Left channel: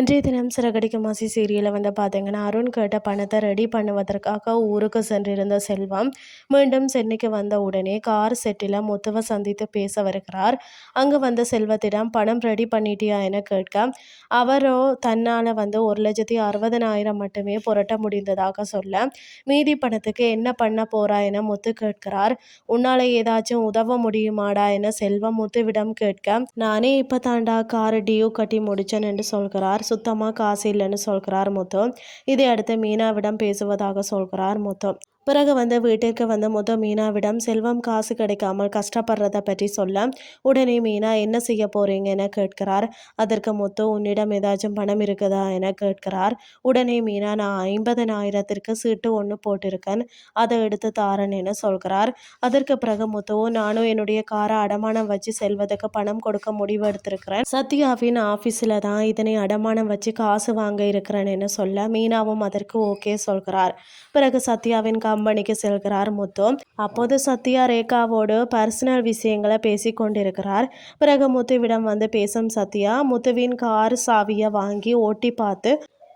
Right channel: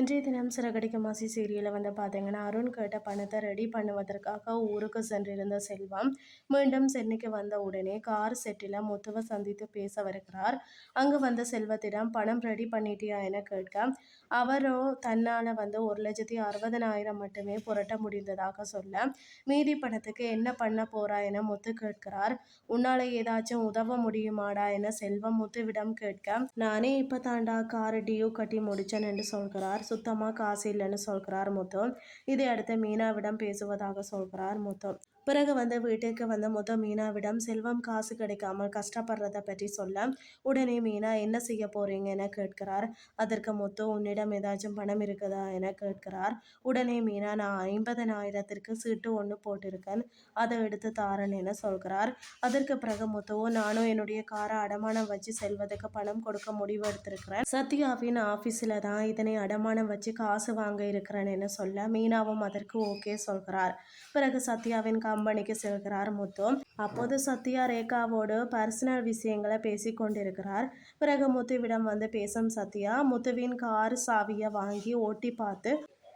மீண்டும் சிறகடிக்கும் மாசி சீரியலில் வந்து பார்த்தீங்கன்னா அருண் கேட்ட பணத்தை ரெடி பண்ணுவதற்காக ஊருக்கு சென்றிருந்த செல்வம் மீண்டும் சென்னைக்கு வந்த உடனே கார் செட்டில் முத்துவை சந்தித்து பேச வருகிறார். அங்கே வந்த செல்வத்திடம் பணம் ரெடி பண்ணிட்டியா? என கேட்க அவரோ தன்னால் வந்து ஒரு லட்சத்தி அறுபதனாயிரம் மட்டுமே புரட்ட முடிந்ததாக சொல்ல மீதி பணத்துக்கு என்ன பண்ண போறா? என முத்து கேட்கிறார். உன்னால் ஏதாச்சும் உதவ முடியுமாடா? என செல்வம் முத்துவிடம் கேட்க நானே இப்போ தாண்டா கார் டியூ கட்டி முடிச்சேன் என்று சொல்கிறார் சுத்தமாக காசு இல்லைன்னு சொல்கிறார் முத்து. இதை அடுத்து மீனாவிடம் பேசுவதாக சொல்கிறார் முத்து. பிறகு வந்து வீட்டிற்கு வந்து முத மீனாவிடம் செல்வம் காசு கிடைக்காமல் கஷ்டப்படுறத பற்றி சொல்ல உடனே மீனா என்ன செய்ய போறீங்க? என கேட்கிறார். அதற்கு முத்து உன்னிடம் ஏதாச்சும் பணம் இருக்குதா? என கேட்கிறார். உடனே மீனா நான் ஐம்பதனாயிரத்திற்கு சீட்டு ஒன்று போட்டிருக்கேன். அதை எடுத்து தாரன் என சொல்கிறார். அதற்கு பிறகு முத்துவும் நானும் என்னுடைய காரை அடமானம் வச்சு செல்வதற்கு பணம் கொடுக்க முடிவு எடுத்திருக்கிறேன். சத்யாவின் ஆஃபீஸில் தான் இதனை அடமானம் வச்சு காசு வாங்க இருக்கிறேன் என சொல்ல மீனாவும் அதற்கு ஓகே சொல்கிறார். பிறகு சத்யாவின் கம்பெனிக்கு செல்கிறார் முத்து அப்போது சத்யா ரேகாவோடு பர்சனல் விஷயங்களை பேசி கொண்டிருக்கிறார். பிறகு முத்துவிடம் வந்து பேசும் சத்யா முத்துவின் கார் சாவியை வாங்கி ஓட்டி பார்த்து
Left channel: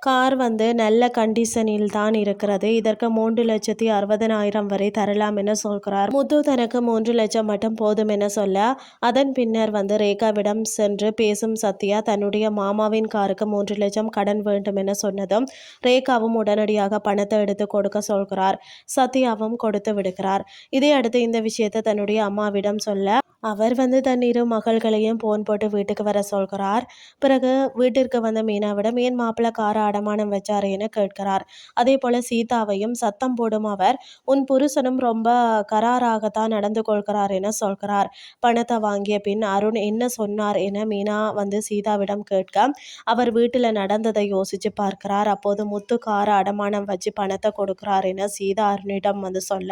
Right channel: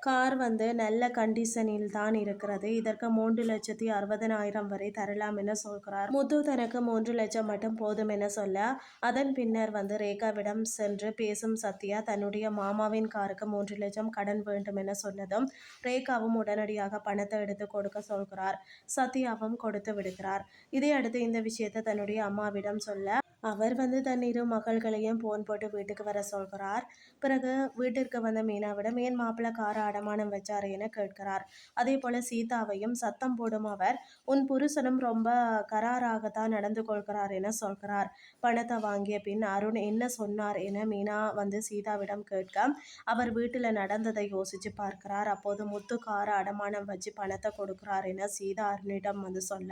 கார் வந்து நல்ல கண்டிஷனில் தான் இருக்கிறது. இதற்கு மூன்று லட்சத்தி அறுபதனாயிரம் வரை தரலாம் என சொல்கிறார். முத்து தனக்கு மூன்று லட்சம் மட்டும் போதும் என சொல்ல அதன் பின்னர் வந்து ரேகாவிடம் சென்று பேசும் சத்யா தன்னுடைய மாமாவின் காருக்கு மூன்று லட்சம் கடன் வேண்டும் என சொன்னதும் ரேகாவும் உடனடியாக பணத்தை எடுத்து கொடுக்க சொல்கிறார். சத்யாவும் கொடுத்து விடுகிறார். இதையடுத்து இந்த விஷயத்தை தன்னுடைய அம்மாவிடம் சொல்ல அவர் வந்து தன் இரு மகள்களையும் போன் போட்டு வீட்டுக்கு வர சொல்கிறார். பிறகு வீட்டிற்கு வந்த மீனாவிடம் ஏன் மாப்பிள்ளை கார அடமானம் வச்சாரு என கேட்கிறார். அதே போல சீதாவையும் சத்தம் போடும் அவர் உன் புருஷனும் ரொம்ப கராராகத்தான் நடந்து கொள்கிறார் என சொல்கிறார். பணத்தை வாங்கிய பின் அருண் என்ன சொன்னார் என மீனா வந்து சீதாவிடம் கேட்க அவர் வீட்டில் நடந்ததை யோசிச்சு பார்க்கிறார். அப்போது முத்து கார அடமானம் வச்சு பணத்தை கொடுக்கிறார் என சீதா அருணிடம் வந்து சொல்ல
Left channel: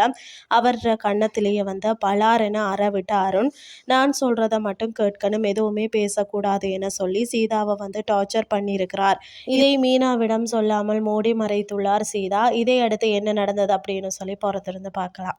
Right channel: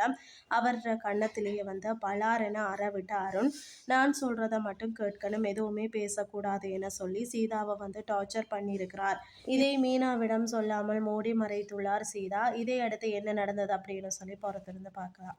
அவர் கன்னத்திலேயே வந்து பலார் என அறவிட்ட அருண் நான் சொல்கிறத மட்டும் கேட்கணும் எதுவுமே பேசக்கூடாது என சொல்லி சீதாவை வந்து டார்ச்சர் பண்ணியிருக்கிறார். இதை மீனாவிடம் சொல்லாமல் மூடி மறைத்துள்ளார் சீதா. இதை அடுத்து என்ன நடந்தது அப்படின்னு சொல்லி பொறுத்திருந்து பார்க்கலாம்.